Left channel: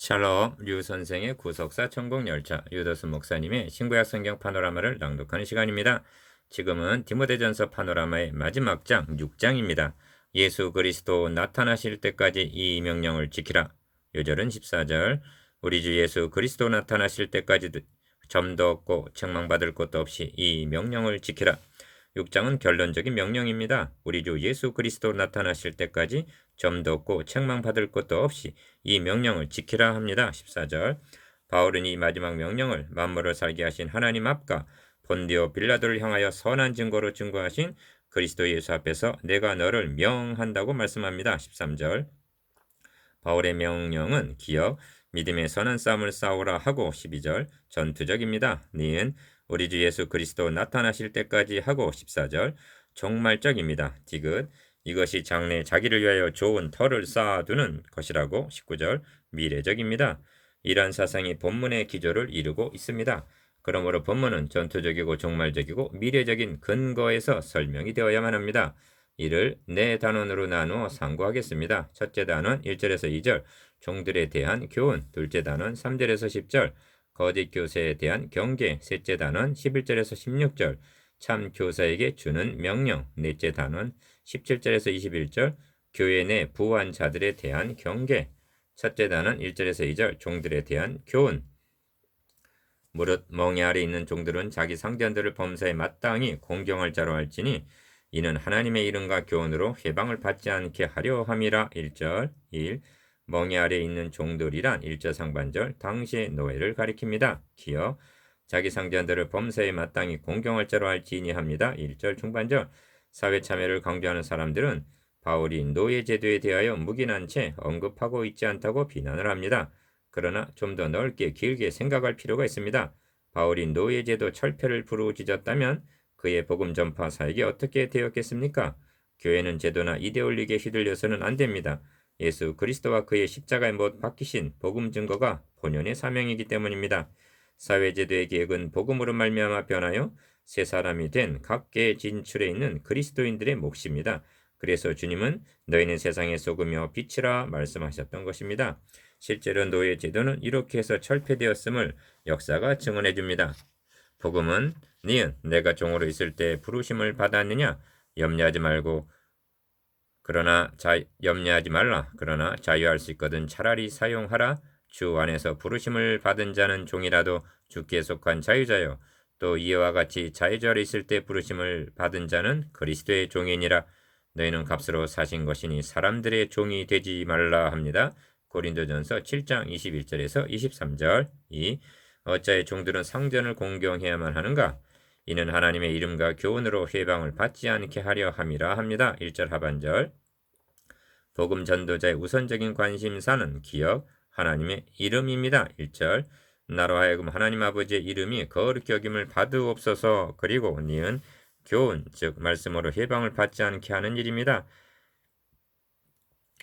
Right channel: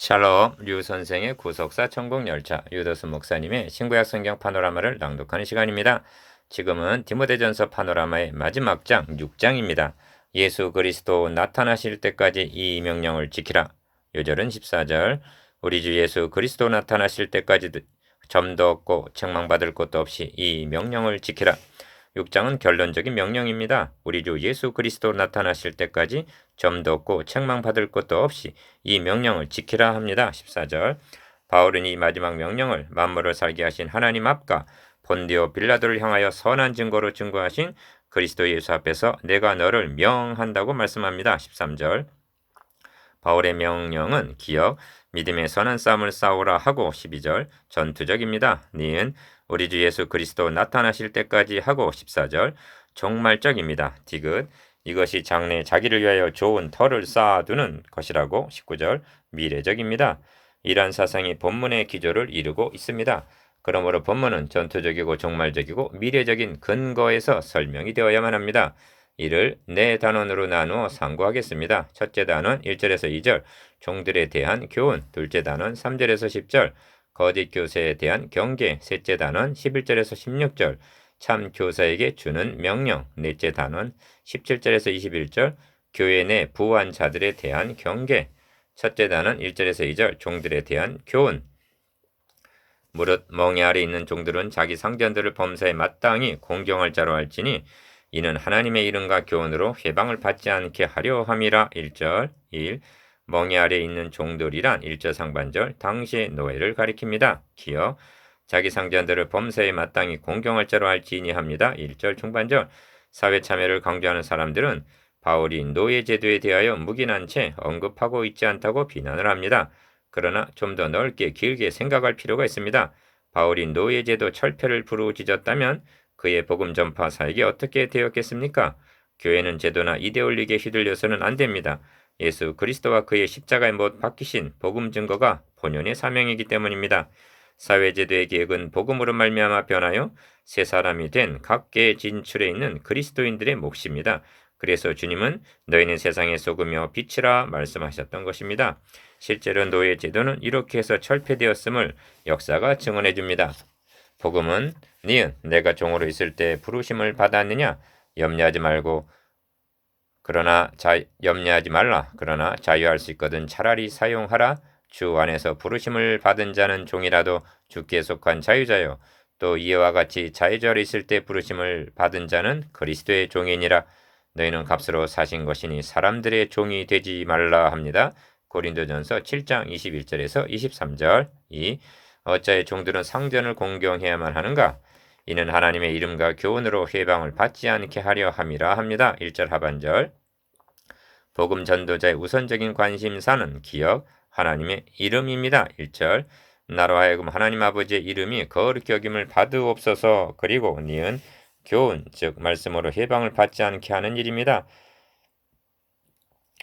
샬롬 류 선생의 구속사 천국열차 유도수 목사님의 신구약 성경 파노라마를 낭독하는 시간입니다. 지금은 디모데전서 파노라마의 마지막 장 6장입니다. 예수 그리스도 나타나실 때까지 이 명령을 지키라. 요절은 14절. 우리 주 예수 그리스도 나타나실 때까지 점도 없고 책망받을 것도 없이 이 명령을 지키라. 6장은 결론적인 명령입니다. 우리 주 예수 그리스도 나타나실 때까지 점도 없고 책망받을 것도 없이 이 명령을 지키라 합니다. 14절. 바울은 이 마지막 명령을 만물을 살게 하신 하나님 앞과 본디오 빌라도를 향하여 선한 증거로 증거하신 그리스도 예수 앞에서 내가 너를 명한다고 말씀합니다. 13절. 바울의 명령은 기억, 믿음의 선한 싸움을 싸우라 하고 12절 전투적입니다. 니은 우리 주 예수 그리스도 나타나실 때까지 하고 14절 종말적입니다. 디귿 이것이 장래 자기를 위하여 좋은 터를 쌓아두는 것이라고 19절 미래적입니다. 이러한 사상이 본문의 기조를 이루고 있습니다. 그러므로 본문은 전투적이고 종말적이고 미래적인 근거에서 설명이 되어야만 합니다. 이를 네 단원으로 나누어 상고하겠습니다. 첫째 단원 1절에서 2절 종들에 대한 교훈, 둘째 단원 3절에서 10절 거짓 교사에 대한 경계, 셋째 단원 11절에서 16절 참 교사에게 주는 명령, 넷째 단원 17절에서 21절 교회 내 부한 자들에 대한 경계, 첫째 단원 1절에서 2절 종들에 대한 교훈. 무릇 멍에 아래 있는 종들은 자기 상전들을 범사에 마땅히 공경할 자로 할지니 이는 하나님의 이름과 교훈으로 회방을 받지 않게 하려 함이라. 1절 1 멍에 아래 있는 종들이란 1절 상반절 당시의 노예를 가리킵니다. 기억 자기 상전들을 범사에 마땅히 공경할 자로 할지니 합니다. 1절 중반절 사회 참여를 강조하는 사람들은 바울이 노예 제도에 대하여 묵인한 채 언급하고 있지 않다고 비난을 합니다. 그러나 좀 더 넓게 길게 생각할 필요가 있습니다. 바울이 노예제도 철폐를 부르짖었다면 그의 복음 전파 사역이 어떻게 되었겠습니까? 교회는 제도나 이데올리기에 휘둘려서는 안 됩니다. 예수 그리스도와 그의 십자가에 못 박히신 복음 증거가 본연의 사명이기 때문입니다. 사회제도의 계획은 복음으로 말미암아 변하여 새 사람이 된 각계의 진출에 있는 그리스도인들의 몫입니다. 그래서 주님은 너희는 세상의 소금이요 빛이라 말씀하셨던 것입니다. 실제로 노예 제도는 이렇게 해서 철폐되었음을 역사가 증언해 줍니다. 복음은 니은 내가 종으로 있을 때 부르심을 받았느냐 염려하지 말라. 그러나 자유할 수 있거든 차라리 사용하라. 주 안에서 부르심을 받은 자는 종이라도 주께 속한 자유자요. 또 이와 같이 자유자로 있을 때 부르심을 받은 자는 그리스도의 종이니라. 너희는 값으로 사신 것이니 사람들의 종이 되지 말라 합니다. 고린도전서 7장 21절에서 23절. 2. 어찌하여 종들은 상전을 공경해야만 하는가? 이는 하나님의 이름과 교훈으로 회방을 받지 않게 하려 함이라 합니다. 1절 하반절. 복음 전도자의 우선적인 관심사는 기억, 하나님의 이름입니다. 1절. 나로 하여금 하나님 아버지의 이름이 거룩히 여김을 받으옵소서. 그리고 니은 교훈, 즉 말씀으로 회방을 받지 않게 하는 일입니다.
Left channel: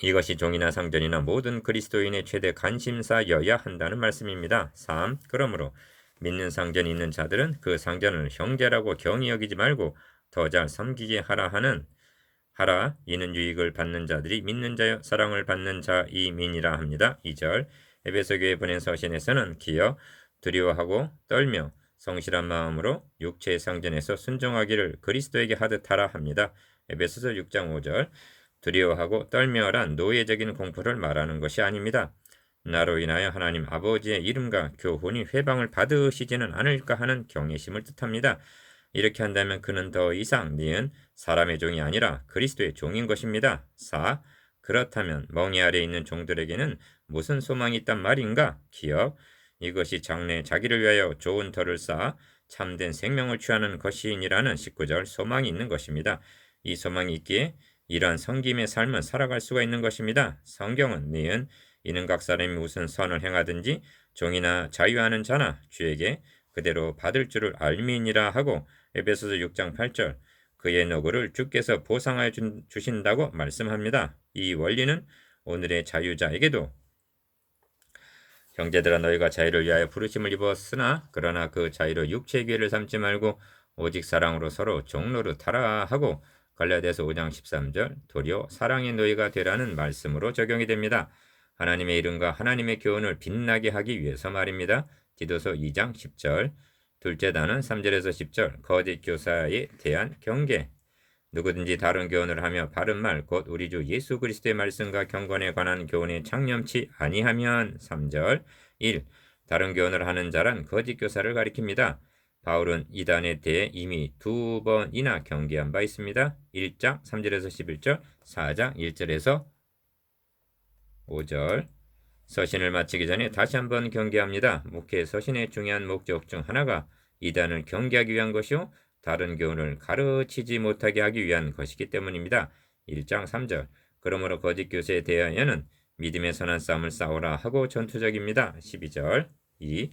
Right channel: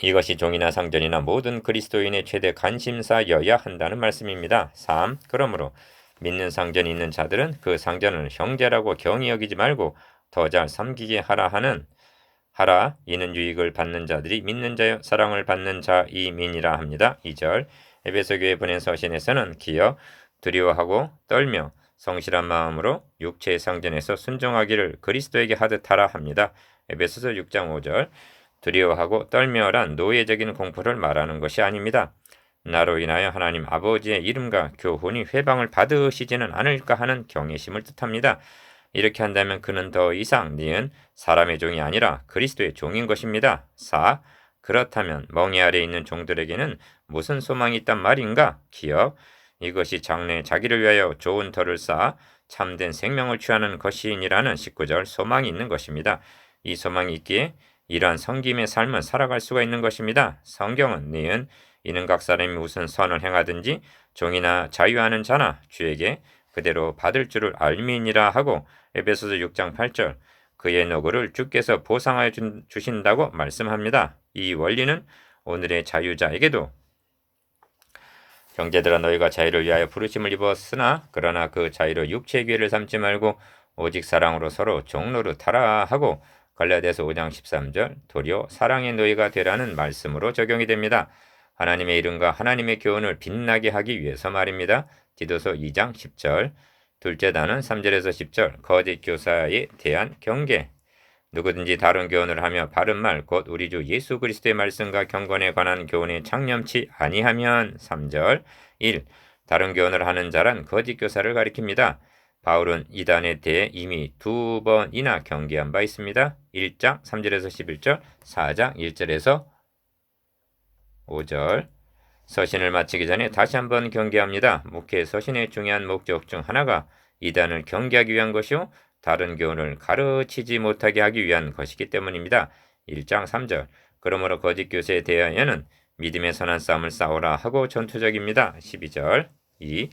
이것이 종이나 상전이나 모든 그리스도인의 최대 관심사여야 한다는 말씀입니다. 3. 그러므로 믿는 상전이 있는 자들은 그 상전을 형제라고 경히 여기지 말고 더 잘 섬기게 하라. 이는 유익을 받는 자들이 믿는 자여 사랑을 받는 자이민이라 합니다. 2절 에베소 교회 보낸 서신에서는 기억, 두려워하고 떨며 성실한 마음으로 육체의 상전에서 순종하기를 그리스도에게 하듯 하라 합니다. 에베소서 6장 5절 두려워하고 떨며란 노예적인 공포를 말하는 것이 아닙니다. 나로 인하여 하나님 아버지의 이름과 교훈이 회방을 받으시지는 않을까 하는 경외심을 뜻합니다. 이렇게 한다면 그는 더 이상 니은 사람의 종이 아니라 그리스도의 종인 것입니다. 4. 그렇다면 멍에 아래 있는 종들에게는 무슨 소망이 있단 말인가? 기억. 이것이 장래 자기를 위하여 좋은 터를 쌓아 참된 생명을 취하는 것이니라는 19절 소망이 있는 것입니다. 이 소망이 있기에 이러한 섬김의 삶을 살아갈 수가 있는 것입니다. 성경은 니은 이는 각 사람이 무슨 선을 행하든지 종이나 자유하는 자나 주에게 그대로 받을 줄을 알미니라 하고 에베소서 6장 8절 그의 노고를 주께서 보상하여 주신다고 말씀합니다. 이 원리는 오늘의 자유자에게도 형제들아 너희가 자유를 위하여 부르심을 입었으나 그러나 그 자유로 육체의 기회를 삼지 말고 오직 사랑으로 서로 종노릇하라 하고 갈라디아서 5장 13절 도리어 사랑의 노예가 되라는 말씀으로 적용이 됩니다. 하나님의 이름과 하나님의 교훈을 빛나게 하기 위해서 말입니다. 디도서 2장 10절. 둘째 단은 3절에서 10절 거짓 교사에 대한 경계. 누구든지 다른 교훈을 하며 바른 말 곧 우리 주 예수 그리스도의 말씀과 경건에 관한 교훈에 창념치 아니하면 3절 1. 다른 교훈을 하는 자란 거짓 교사를 가리킵니다. 바울은 이단에 대해 이미 2번이나 경계한 바 있습니다. 1장 3절에서 11절, 4장 1절에서 5절. 서신을 마치기 전에 다시 한번 경계합니다. 목회 서신의 중요한 목적 중 하나가 이단을 경계하기 위한 것이요 다른 교훈을 가르치지 못하게 하기 위한 것이기 때문입니다. 1장 3절. 그러므로 거짓 교사에 대하여는 믿음의 선한 싸움을 싸우라 하고 전투적입니다. 12절. 2.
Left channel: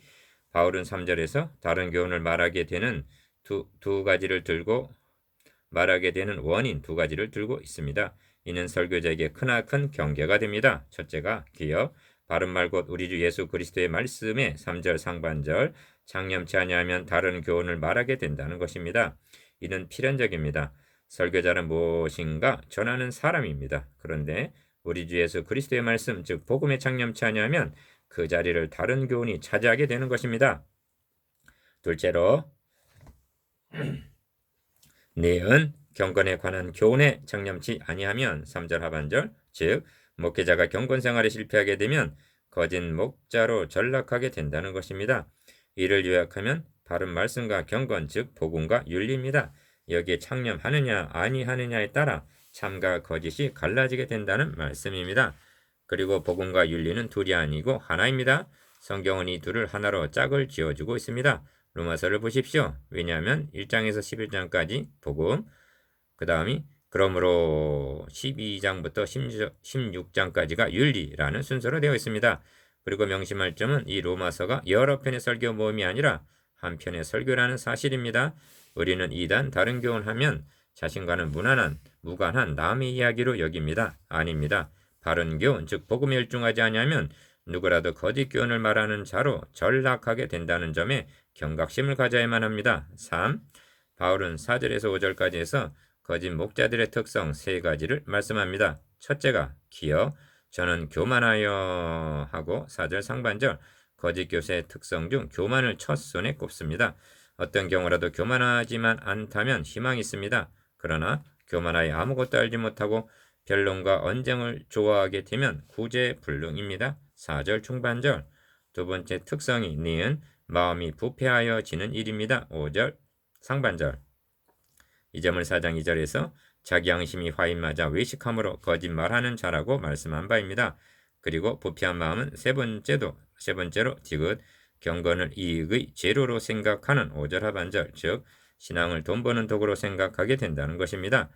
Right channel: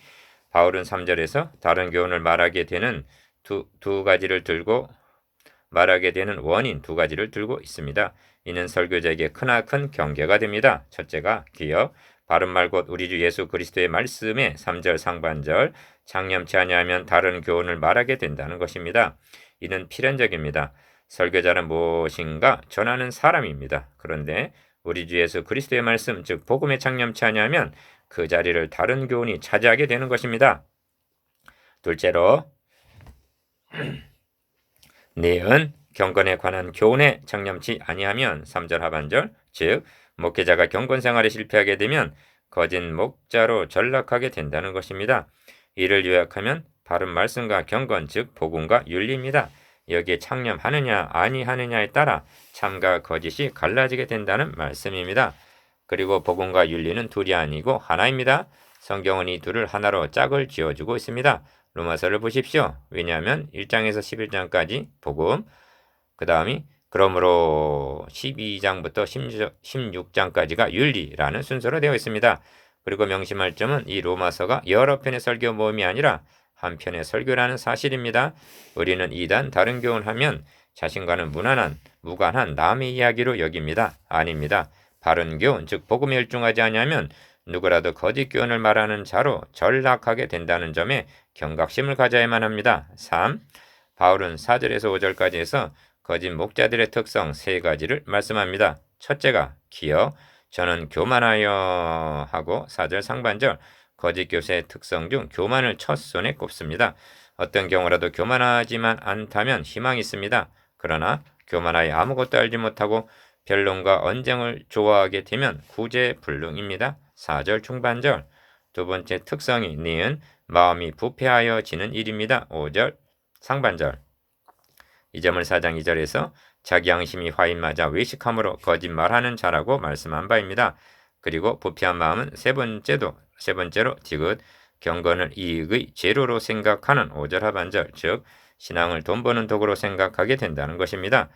바울은 3절에서 다른 교훈을 말하게 되는 두 가지를 들고 말하게 되는 원인 2가지를 들고 있습니다. 이는 설교자에게 크나큰 경계가 됩니다. 첫째가 기억, 바른 말 곧 우리 주 예수 그리스도의 말씀에 3절 상반절 창념치 아니하면 다른 교훈을 말하게 된다는 것입니다. 이는 필연적입니다. 설교자는 무엇인가 전하는 사람입니다. 그런데 우리 주 예수 그리스도의 말씀 즉 복음에 창념치 아니하면 그 자리를 다른 교훈이 차지하게 되는 것입니다. 둘째로 내은 경건에 관한 교훈에 창념치 아니하면 3절 하반절 즉 목회자가 경건 생활에 실패하게 되면 거짓 목자로 전락하게 된다는 것입니다. 이를 요약하면 바른 말씀과 경건 즉 복음과 윤리입니다. 여기에 창념하느냐 아니하느냐에 따라 참과 거짓이 갈라지게 된다는 말씀입니다. 그리고 복음과 윤리는 둘이 아니고 하나입니다. 성경은 이 둘을 하나로 짝을 지어주고 있습니다. 로마서를 보십시오. 왜냐하면 1장에서 11장까지 복음, 그 다음이 그러므로 12장부터 16장까지가 윤리라는 순서로 되어 있습니다. 그리고 명심할 점은 이 로마서가 여러 편의 설교 모임이 아니라 한 편의 설교라는 사실입니다. 우리는 이단 다른 교훈하면 자신과는 무관한 남의 이야기로 여깁니다. 아닙니다. 바른 교훈, 즉 복음에 열중하지 아니하면 누구라도 거짓 교훈을 말하는 자로 전락하게 된다는 점에 경각심을 가져야만 합니다. 3. 바울은 4절에서 5절까지 해서 거짓 목자들의 특성 3가지를 말씀합니다. 첫째가 기억, 저는 교만하여 하고 4절 상반절 거짓 교사의 특성 중 교만을 첫 손에 꼽습니다. 어떤 경우라도 교만하지만 않다면 희망이 있습니다. 그러나 교만하여 아무것도 알지 못하고 변론과 언쟁을 좋아하게 되면 구제불능입니다. 4절 중반절. 두 번째 특성이 니은 마음이 부패하여지는 일입니다. 5절 상반절. 이 점을 4장 2절에서 자기 양심이 화인 맞아 외식함으로 거짓말하는 자라고 말씀한 바입니다. 그리고 부패한 마음은 세 번째로 디귿 경건을 이익의 재료로 생각하는 5절 하반절 즉 신앙을 돈 버는 도구로 생각하게 된다는 것입니다.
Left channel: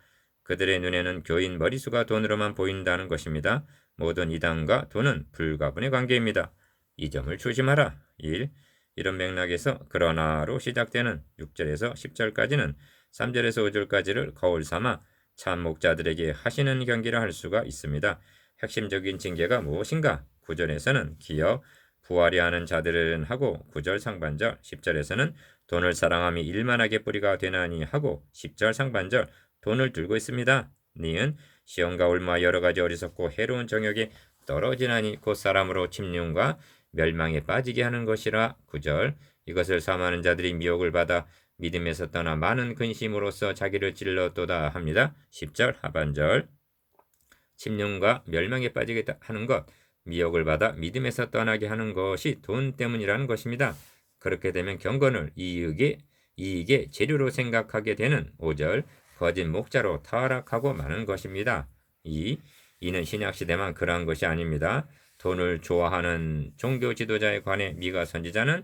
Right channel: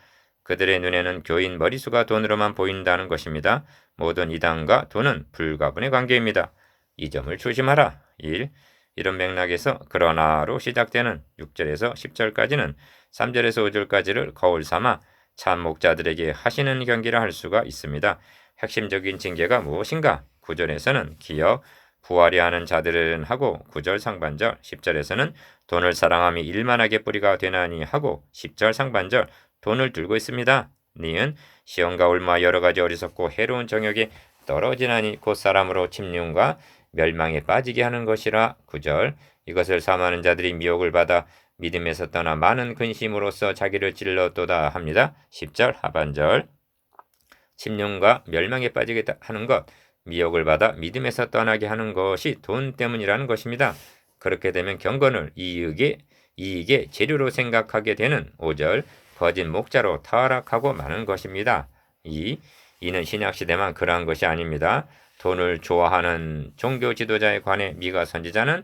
그들의 눈에는 교인 머리수가 돈으로만 보인다는 것입니다. 모든 이단과 돈은 불가분의 관계입니다. 이 점을 조심하라. 1. 이런 맥락에서 그러나로 시작되는 6절에서 10절까지는 3절에서 5절까지를 거울 삼아 참 목자들에게 하시는 경기라 할 수가 있습니다. 핵심적인 징계가 무엇인가? 9절에서는 기억, 부하려 하는 자들은 하고 9절 상반절, 10절에서는 돈을 사랑함이 일만하게 뿌리가 되나니 하고 10절 상반절 돈을 들고 있습니다. 니은 시험과 올마 여러 가지 어리석고 해로운 정욕에 떨어지나니 곧 사람으로 침륜과 멸망에 빠지게 하는 것이라 9절 이것을 삼하는 자들이 미혹을 받아 믿음에서 떠나 많은 근심으로써 자기를 찔렀도다 합니다. 10절 하반절 침륜과 멸망에 빠지게 하는 것 미혹을 받아 믿음에서 떠나게 하는 것이 돈 때문이라는 것입니다. 그렇게 되면 경건을 이익의 재료로 생각하게 되는 5절 거짓 목자로 타락하고 마는 것입니다. 이는 신약시대만 그러한 것이 아닙니다. 돈을 좋아하는 종교 지도자에 관해 미가 선지자는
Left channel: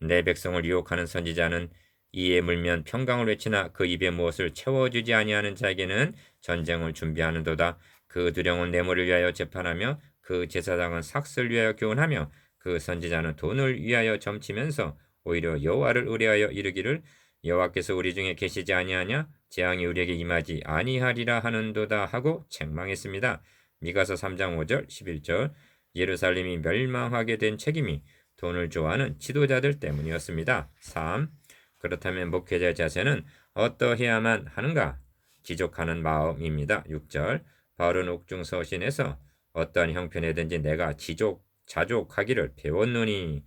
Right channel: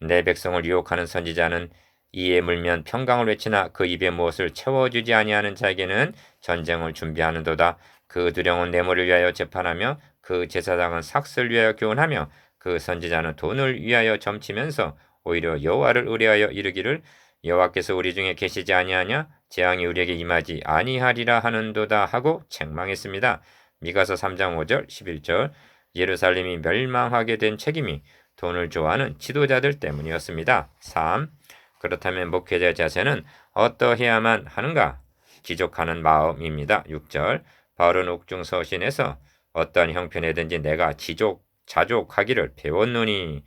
내 백성을 유혹하는 선지자는 이에 물면 평강을 외치나 그 입에 무엇을 채워주지 아니하는 자에게는 전쟁을 준비하는도다. 그 두령은 뇌물을 위하여 재판하며 그 제사장은 삭슬 위하여 교훈하며 그 선지자는 돈을 위하여 점치면서 오히려 여호와를 의뢰하여 이르기를 여호와께서 우리 중에 계시지 아니하냐 재앙이 우리에게 임하지 아니하리라 하는도다 하고 책망했습니다. 미가서 3장 5절 11절 예루살렘이 멸망하게 된 책임이 돈을 좋아하는 지도자들 때문이었습니다. 3. 그렇다면 목회자의 자세는 어떠해야만 하는가? 지족하는 마음입니다. 6절 바울은 옥중 서신에서 어떠한 형편에든지 내가 자족하기를 배웠노니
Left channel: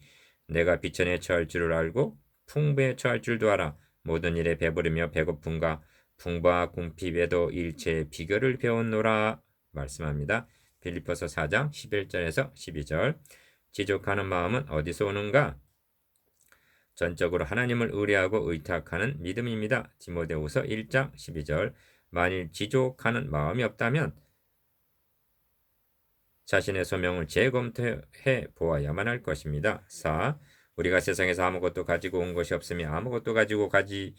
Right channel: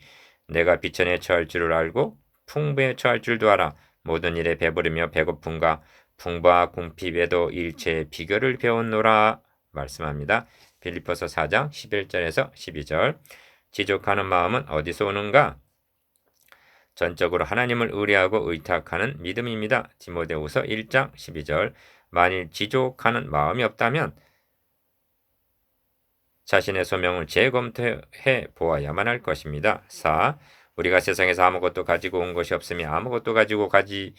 내가 비천에 처할 줄을 알고 풍부에 처할 줄도 알아. 모든 일에 배부르며 배고픔과 풍부와 궁핍에도 일체의 비결을 배웠노라 말씀합니다. 빌립보서 4장 11절에서 12절. 지족하는 마음은 어디서 오는가? 전적으로 하나님을 의뢰하고 의탁하는 믿음입니다. 디모데후서 1장 12절. 만일 지족하는 마음이 없다면 자신의 소명을 재검토해 보아야만 할 것입니다. 4. 우리가 세상에서 아무것도 가지고 온 것이 없으며 아무것도 가지고 가지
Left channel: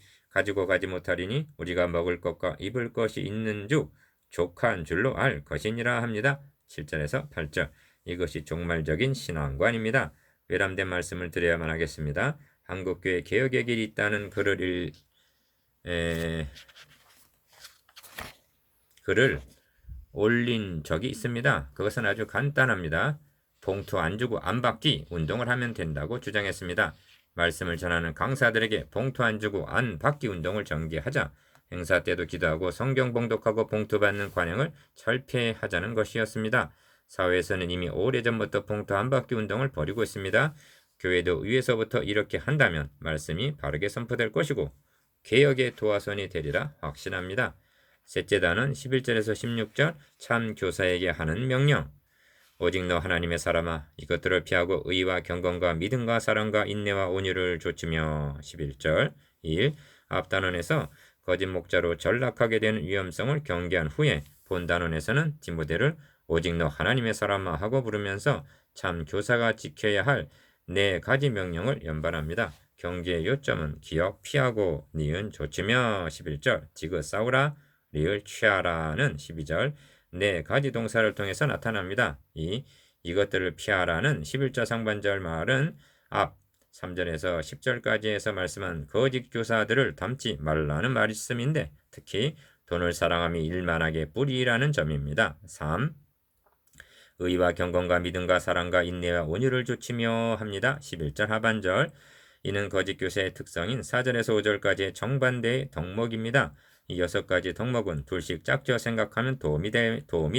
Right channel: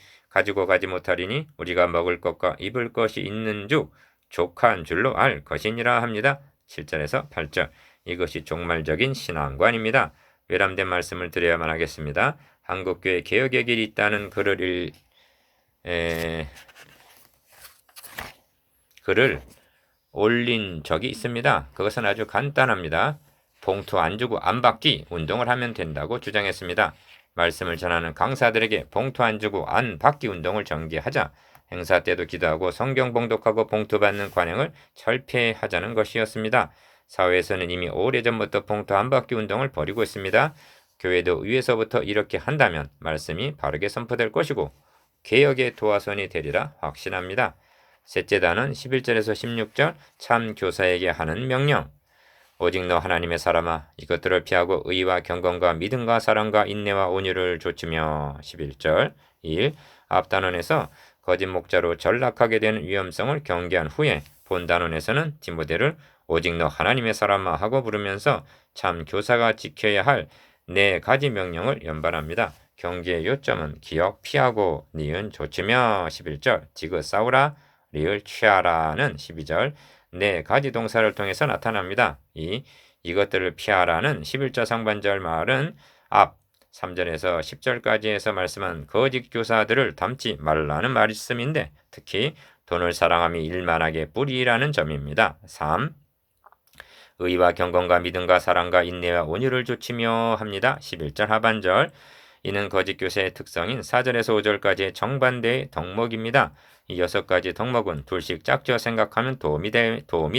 못하리니 우리가 먹을 것과 입을 것이 있는즉 족한 줄로 알 것이니라 합니다. 7절에서 8절. 이것이 종말적인 신앙관입니다. 외람된 말씀을 드려야만 하겠습니다. 한국교회 개혁의 길이 있다는 글을 올린 적이 있습니다. 그것은 아주 간단합니다. 봉투 안 주고 안 받기 운동을 하면 된다고 주장했습니다. 말씀을 전하는 강사들에게 봉투 안 주고 안 받기 운동을 전개하자 행사 때도 기도하고 성경 봉독하고 봉투 받는 관행을 철폐하자는 것이었습니다. 사회에서는 이미 오래전부터 봉투 안 받기 운동을 벌이고 있습니다. 교회도 위에서부터 이렇게 한다면 말씀이 바르게 선포될 것이고 개혁의 도화선이 되리라 확신합니다. 셋째단은 11절에서 16절 참 교사에게 하는 명령. 오직 너 하나님의 사람아 이것들을 피하고 의와 경건과 믿음과 사랑과 인내와 온유를 좇으며 11절 1. 앞단원에서 거짓 목자로 전락하게 되는 위험성을 경계한 후에 본단원에서는 디모데를 오직 너 하나님의 사람아 하고 부르면서 참 교사가 지켜야 할 4가지 명령을 연발합니다. 경계의 요점은 기억 피하고 니은 좇으며 11절 디귿 싸우라 리을 취하라는 12절 4가지 동사를 통해서 나타납니다. 이것들을 피하라는 11절 상반절 말은 앞 3절에서 10절까지에서 말씀한 거짓 교사들을 닮지 말라는 말씀인데 특히 돈을 사랑함이 일만하게 뿌리라는 점입니다. 3. 의와 경건과 믿음과 사랑과 인내와 온유를 좇으며 합니다. 11절 하반절 이는 거짓 교사의 특성인 4절에서 5절까지의 정반대의 덕목입니다. 이 6가지 덕목은 둘씩 짝지어 생각하면 도움이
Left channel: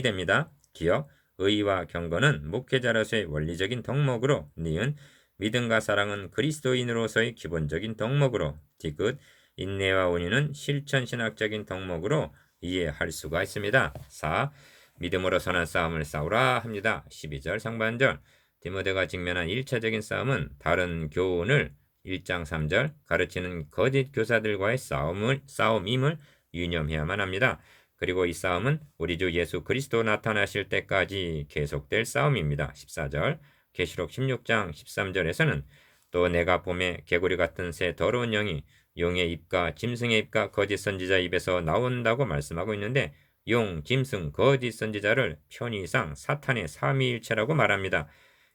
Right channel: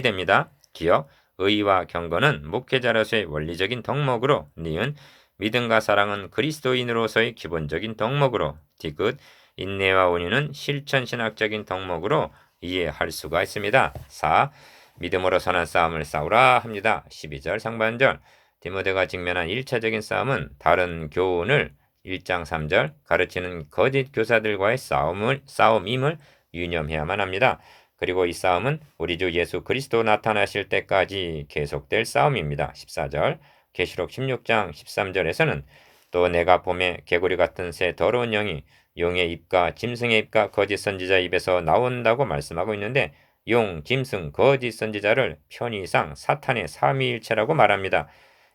됩니다. 기억, 의와 경건은 목회자로서의 원리적인 덕목으로 니은, 믿음과 사랑은 그리스도인으로서의 기본적인 덕목으로 디귿, 인내와 온유는 실천신학적인 덕목으로 이해할 수가 있습니다. 4. 믿음으로 선한 싸움을 싸우라 합니다. 12절 상반절 디모데가 직면한 1차적인 싸움은 다른 교훈을 1장 3절 가르치는 거짓 교사들과의 싸움임을 유념해야만 합니다. 그리고 이 싸움은 우리 주 예수 그리스도 나타나실 때까지 계속될 싸움입니다. 14절 계시록 16장 13절에서는 또 내가 봄에 개구리 같은 새 더러운 영이 용의 입과 짐승의 입과 거짓 선지자 입에서 나온다고 말씀하고 있는데 용, 짐승, 거짓 선지자를 편의상 사탄의 삼위일체라고 말합니다.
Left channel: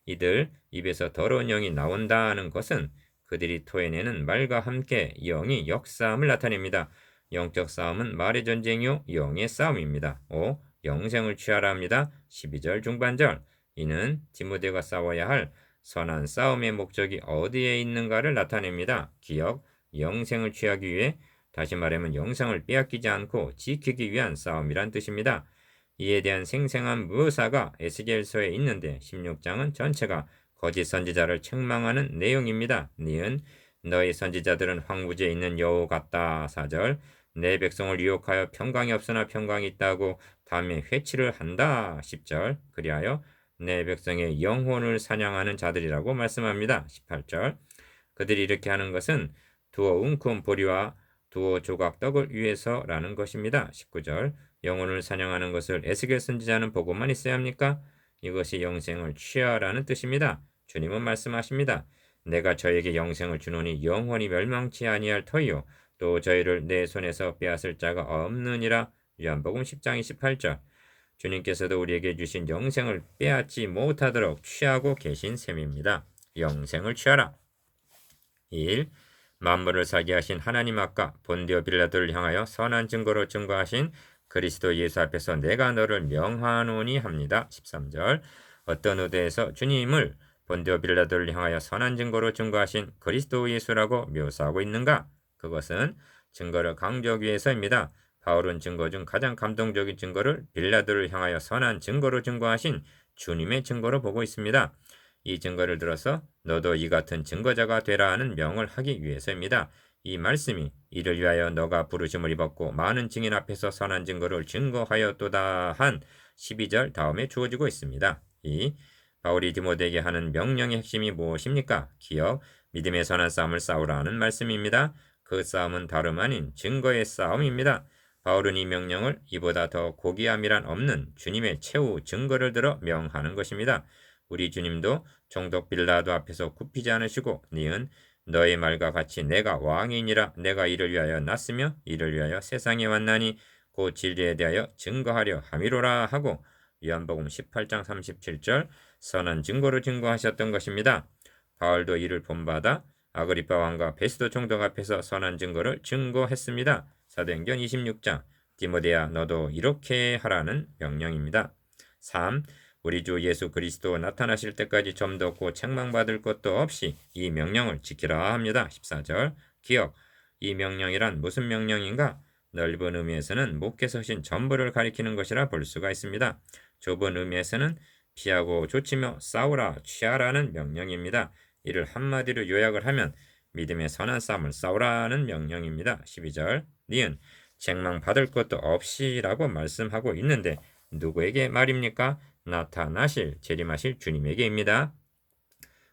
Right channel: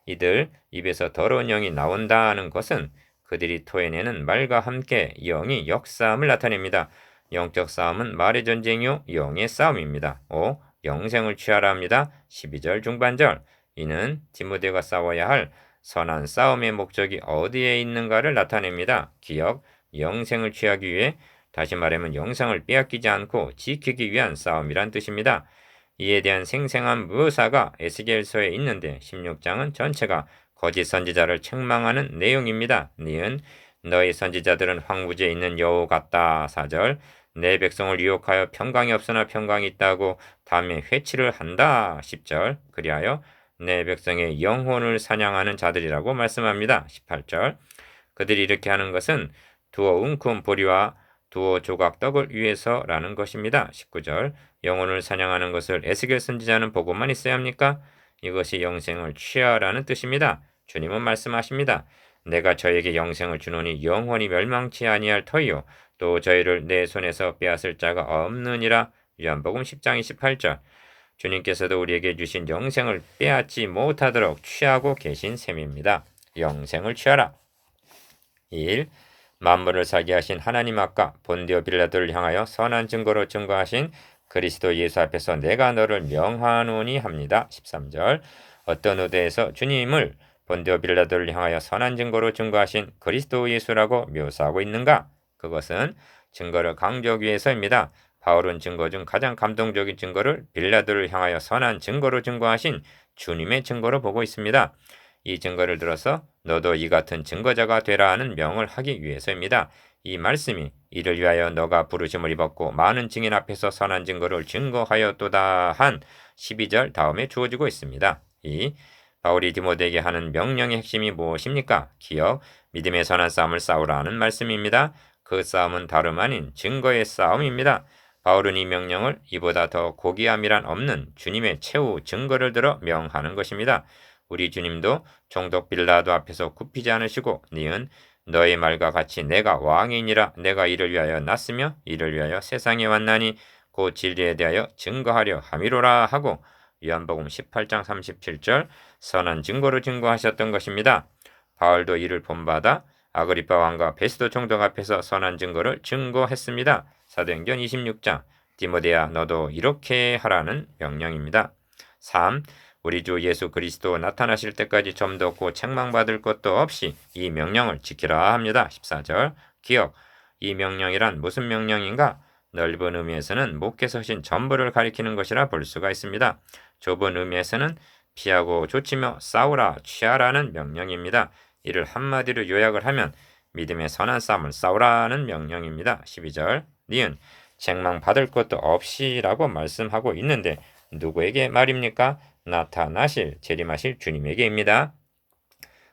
이들 입에서 더러운 영이 나온다는 것은 그들이 토해내는 말과 함께 영이 역사함을 나타냅니다. 영적 싸움은 말의 전쟁이요 영의 싸움입니다. 5. 영생을 취하라 합니다. 12절 중반절 이는 디모데가 싸워야 할 선한 싸움의 목적이 어디에 있는가를 나타냅니다. 기억, 영생을 취하기 위해 다시 말하면 영생을 빼앗기지 않고 지키기 위한 싸움이란 뜻입니다. 이에 대한 생생한 묘사가 에스겔서에 있는데 16장은 전체가 거짓 선지자를 책망하는 내용입니다. 니은 너희 선지자들은 황무지에 있는 여우 같다. 4절 내 백성을 유혹하여 평강이 없으나 평강이 있다고 다음에 회치를 한다. 10절 그리하여 내 백성의 영혼을 사냥하는 자들이라고 말씀합니다. 18절 그들이 이렇게 하는 것은 두어 웅큼 보리와 두어 조각 떡을 위해서라는 것입니다. 19절 영혼을 사냥하는 것을 에스겔 선지자는 보고만 있어야 합니까? 이것이 영생을 취하라는 뜻입니다. 주님은 말씀하십니다. 내가 저에게 영생을 주노니 영원히 멸망치 아니할 터이요 또 저희를 내 손에서 빼앗을 자가 없느니라. 요한복음 10장 28절 주님께서도 우리에게 주신 영생을 빼앗지 못하도록 취하고 계신 셈입니다. 영생을 취하라. 1. 만물을 살게 하신 하나님 앞과 본디오 빌라도를 향하여 선한 증거로 증거하신 그리스도 예수 앞에서 내가 너를 명하노니 합니다. 13절 어떤 의도에서 주님을 본디오 빌라도를 향하여 선한 증거로 증거하신 그리스도 예수라고 묘사하고 있는가? 그것은 증거를 강조하기 위해서입니다. 바울은 증거 중 가장 감동적인 증거를 빌라도를 향하여 선한 증거로 증거하신 주님의 증거로 보고 있습니다. 이 증거를 들어서 너도 이 같은 증거자가 되라 하는 명을 하기 위해서입니다. 이 말씀이 이를 위하여 너가 부르심을 입었고 많은 증인 앞에서 선한 증거를 증거하였도다 한 12절 다음에 주어지고 있습니다. 이 바울이 디모데에게 하는 명령의 핵심이 무엇입니까? 기억, 믿음의 선한 싸움을 싸우라는 말씀입니다. 그 싸움은 다름 아닌 증거의 싸움입니다. 바울은 이 명령을 이보다 더 고귀함이란 없는 주님의 최후 증거를 들어 명하는 것입니다. 우리 주님도 총독 빌라도 앞에서 굽히지 않으시고 니은 너의 말과 같이 내가 왕이니라 내가 이를 위하여 났으며 이를 위하여 세상에 왔나니 그 진리에 대하여 증거하려 함이로라 하고 요한복음 18장 37절 선한 증거로 증거하셨던 것입니다. 바울도 이를 본받아 아그리파 왕과 베스도 총독 앞에서 선한 증거를 증거했습니다. 사도행전 26장 디모데야 너도 이렇게 하라는 명령입니다. 3. 우리 주 예수 그리스도 나타나실 때까지 점도 없고 책망받을 것도 없이 이 명령을 지키라 합니다. 14절 기억 이 명령이란 무슨 명령인가? 넓은 의미에서는 목회서신 전부를 가리키는 것이라 볼 수가 있습니다. 좁은 의미에서는 피하고 조치며 싸우라 취하라는 명령입니다. 이를 한마디로 요약을 하면 믿음의 선한 싸움을 싸우라는 명령입니다. 12절 니은 책망받을 것도 없이라고 말씀하고 있는데 누구에게 말입니까? 나타나실 재림하실 주님에게입니다.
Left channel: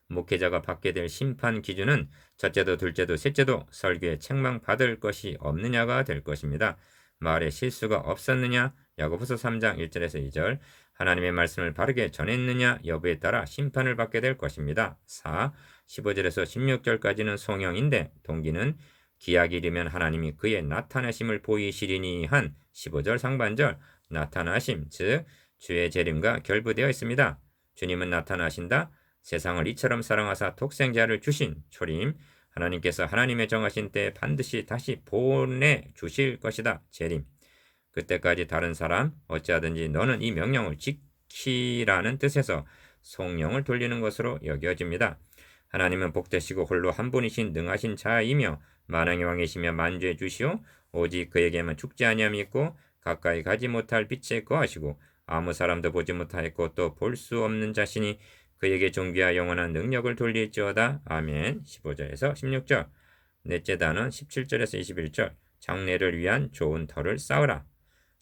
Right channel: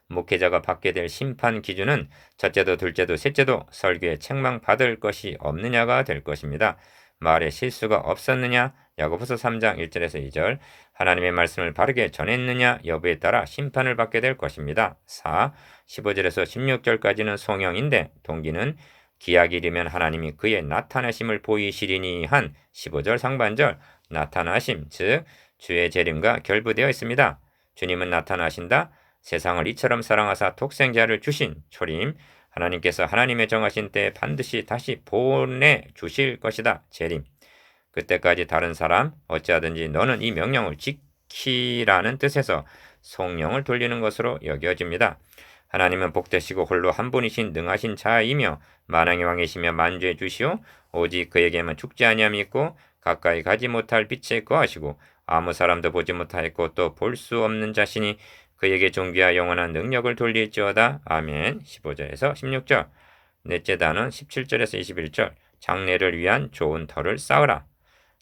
목회자가 받게 될 심판 기준은 첫째도 둘째도 셋째도 설교에 책망받을 것이 없느냐가 될 것입니다. 말에 실수가 없었느냐? 야고보서 3장 1절에서 2절 하나님의 말씀을 바르게 전했느냐 여부에 따라 심판을 받게 될 것입니다. 4. 15절에서 16절까지는 송영인데 동기는 기약이 이르면 하나님이 그의 나타나심을 보이시리니 한 15절 상반절 나타나심 즉 주의 재림과 결부되어 있습니다. 주님은 나타나신다. 세상을 이처럼 사랑하사 독생자를 주신 초림 하나님께서 하나님의 정하신 때에 반드시 다시 보내주실 것이다. 재림 그때까지 다른 사람 어찌하든지 너는 이 명령을 지키라는 뜻에서 성령을 돌리는 것으로 여겨집니다. 하나님은 복되시고 홀로 한 분이신 능하신 자이며 만왕의 왕이시며 만주의 주시오 오직 그에게만 죽지 아니함이 있고 가까이 가지 못할 빛에 거하시고 아무 사람도 보지 못하였고 또 볼 수 없는 자신이 그에게 존귀와 영원한 능력을 돌릴지어다. 아멘. 15절에서 16절 넷째 단은 17절에서 21절 장래를 위한 좋은 터를 쌓으라.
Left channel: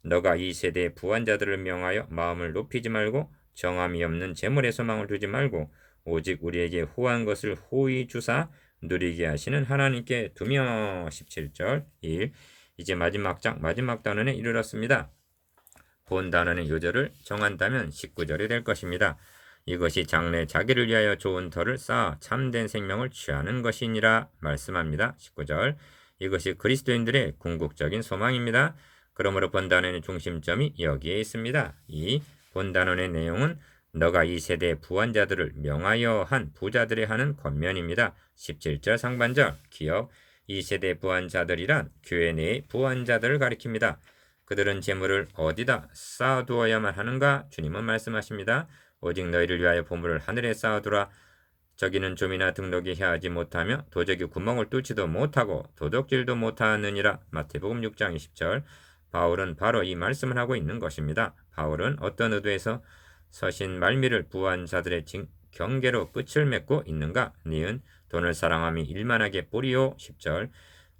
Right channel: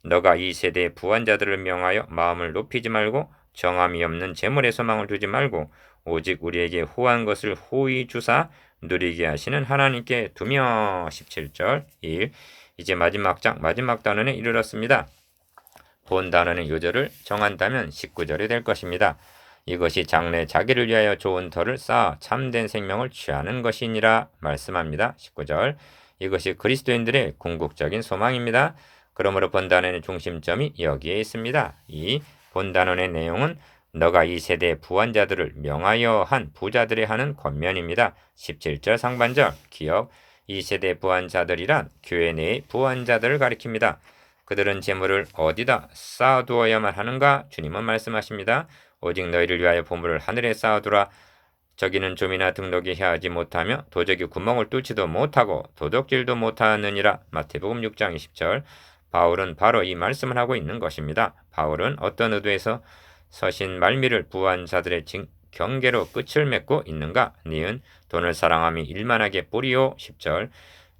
너가 이 세대의 부한자들을 명하여 마음을 높이지 말고 정함이 없는 재물에 소망을 두지 말고 오직 우리에게 호한 것을 호의 주사 누리게 하시는 하나님께 두며 17절 1 이제 마지막 장 마지막 단원에 이르렀습니다. 본 단원의 요절을 정한다면 19절이 될 것입니다. 이것이 장래 자기를 위하여 좋은 터를 쌓아 참된 생명을 취하는 것이니라 말씀합니다. 19절 이것이 그리스도인들의 궁극적인 소망입니다. 그러므로 본단원의 중심점이 여기에 있습니다. 이 본단원의 내용은 너가 이 세대의 부한자들을 명하여 한 부자들이 하는 권면입니다. 17절 상반절 기억 이 세대 부한자들이란 교회 내의 부한자들을 가리킵니다. 그들은 재물을 어디다 쌓아두어야만 하는가? 주님은 말씀하십니다. 오직 너희를 위하여 보물을 하늘에 쌓아두라. 저기는 좀이나 등록이 해하지 못하며 도적이 구멍을 뚫지도 못하고 도둑질도 못하느니라. 마태복음 6장 20절 바울은 바로 이 말씀을 하고 있는 것입니다. 바울은 어떤 의도에서 서신 말미를 부한 자들의 경계로 끝을 맺고 있는가? 니은 돈을 사랑함이 일만하게 뿌리오. 10절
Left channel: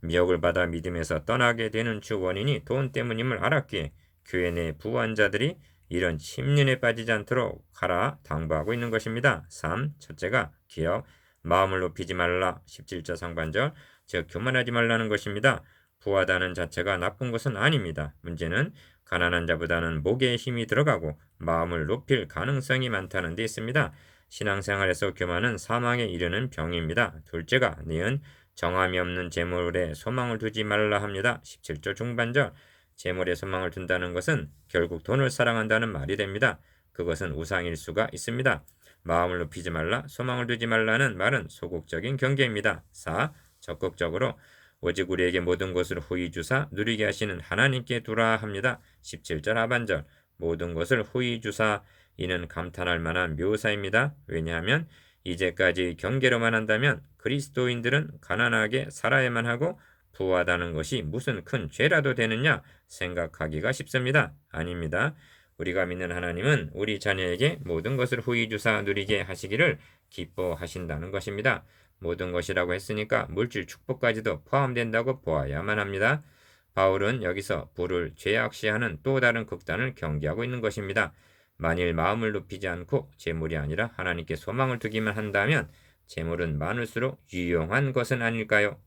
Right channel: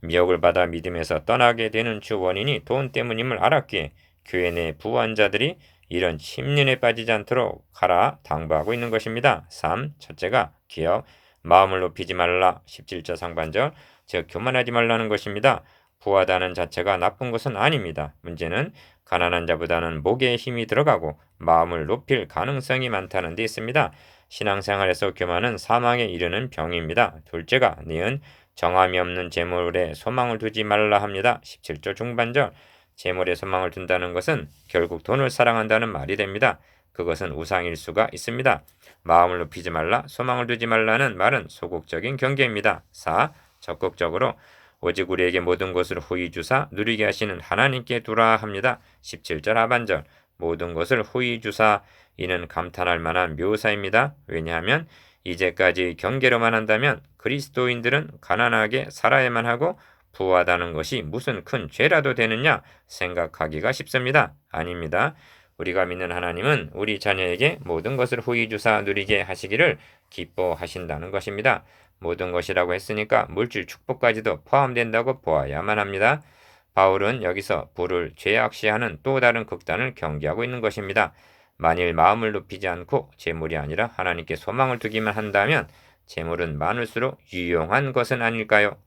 미혹을 받아 믿음에서 떠나게 되는 주 원인이 돈 때문임을 알았기에 교회 내 부한 자들이 이런 침륜에 빠지지 않도록 하라 당부하고 있는 것입니다. 3. 첫째가 기억 마음을 높이지 말라. 17절 상반절 즉 교만하지 말라는 것입니다. 부하다는 자체가 나쁜 것은 아닙니다. 문제는 가난한 자보다는 목에 힘이 들어가고 마음을 높일 가능성이 많다는 데 있습니다. 신앙생활에서 교만은 사망에 이르는 병입니다. 둘째가 니은 정함이 없는 재물에 소망을 두지 말라 합니다. 17절 중반절 재물에 소망을 둔다는 것은 결국 돈을 사랑한다는 말이 됩니다. 그것은 우상일 수가 있습니다. 마음을 높이지 말라, 소망을 두지 말라는 말은 소극적인 경계입니다. 4. 적극적으로 오직 우리에게 모든 것을 후히 주사 누리게 하시는 하나님께 두라 합니다. 17절 하반절 모든 것을 후히 주사 이는 감탄할 만한 묘사입니다. 왜냐하면 이제까지 경계로만 한다면 그리스도인들은 가난하게 살아야만 하고 부하다는 것이 무슨 큰 죄라도 되느냐 생각하기가 쉽습니다. 아닙니다. 우리가 믿는 하나님은 우리 자녀에게 모든 것을 후히 주사 누리게 하시기를 기뻐하신다는 것입니다. 모든 것이라고 했으니까 물질 축복까지도 포함된다고 보아야만 합니다. 바울은 여기서 부를 죄악시하는 또 다른 극단을 경계하고 있는 것입니다. 만일 마음을 높이지 않고 재물이 아니라 하나님께 소망을 두기만 한다면 재물은 많을수록 유용한 것은 아닐까요?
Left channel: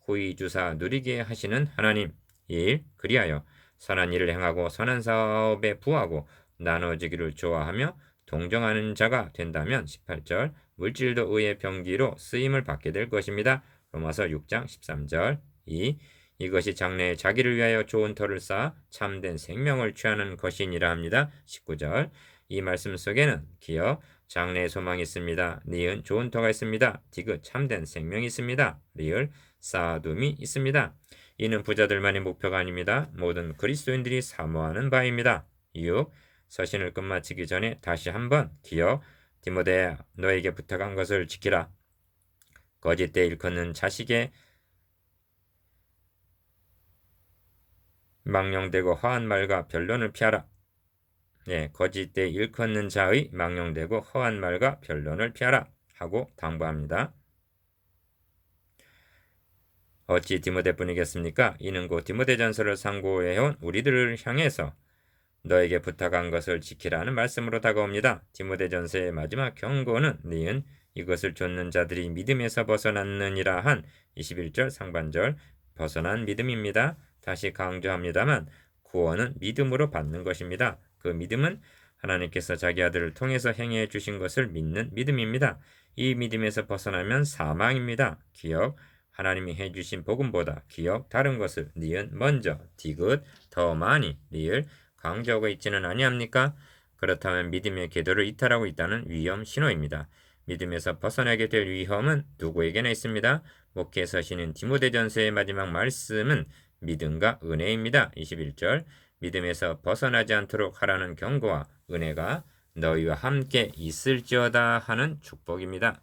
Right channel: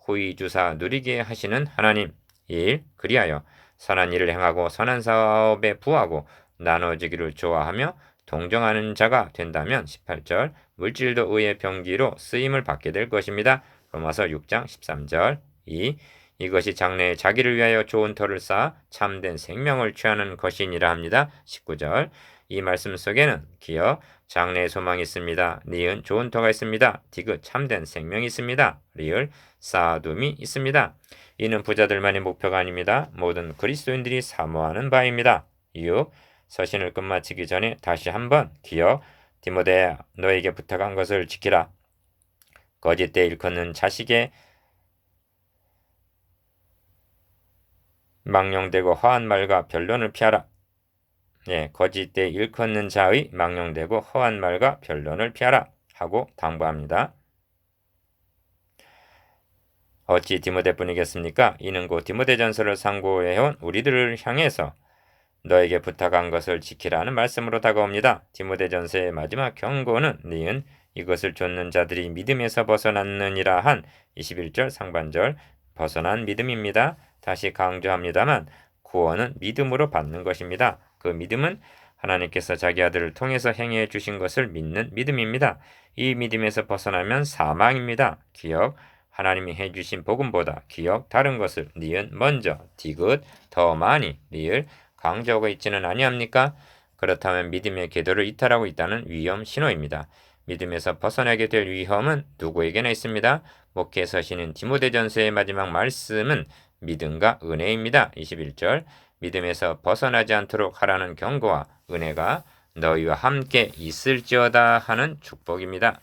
후히 주사 누리게 하시는 하나님. 1. 그리하여 선한 일을 행하고 선한 사업에 부하고 나눠주기를 좋아하며 동정하는 자가 된다면 18절 물질도 의의 병기로 쓰임을 받게 될 것입니다. 로마서 6장 13절 2. 이것이 장래에 자기를 위하여 좋은 터를 쌓아 참된 생명을 취하는 것이니라 합니다. 19절 이 말씀 속에는 기어 장래의 소망이 있습니다. 니은 좋은 터가 있습니다. 디귿 참된 생명이 있습니다. 리을 쌓아둠이 있습니다. 이는 부자들만의 목표가 아닙니다. 모든 그리스도인들이 사모하는 바입니다. 6. 서신을 끝마치기 전에 다시 한번 기어 디모데야 너에게 부탁한 것을 지키라. 거짓되이 일컫는 자식의 망령되고 허한 말과 변론을 피하라. 거짓되이 일컫는 자의 망령되고 허한 말과 변론을 피하라 하고 당부합니다. 어찌 디모데뿐이겠습니까? 이는 곧 디모데전서를 상고해온 우리들을 향해서 너에게 부탁한 것을 지키라는 말씀으로 다가옵니다. 디모데전서의 마지막 경고는 니은 이것을 좇는 자들이 믿음에서 벗어났느니라 한 21절 상반절 벗어난 믿음입니다. 다시 강조합니다만 구원은 믿음으로 받는 것입니다. 그 믿음은 하나님께서 자기 아들을 통해서 행해 주신 것을 믿는 믿음입니다. 이 믿음에서 벗어나면 사망입니다. 기억 하나님이 해주신 복음보다 기억 다른 것을 니은 먼저 디귿 더 많이 리을 강조하고 있지는 아니합니까? 그렇다면 믿음의 궤도를 이탈하고 있다는 위험 신호입니다. 믿음에서 벗어나게 될 위험은 누구에게나 있습니다. 목회 서신인 디모데전서의 마지막 말씀은 믿음과 은혜입니다. 21절 믿음에서 벗어나지 않도록 하라는 경고와 은혜가 너희와 함께 있을지어다 하는 축복입니다.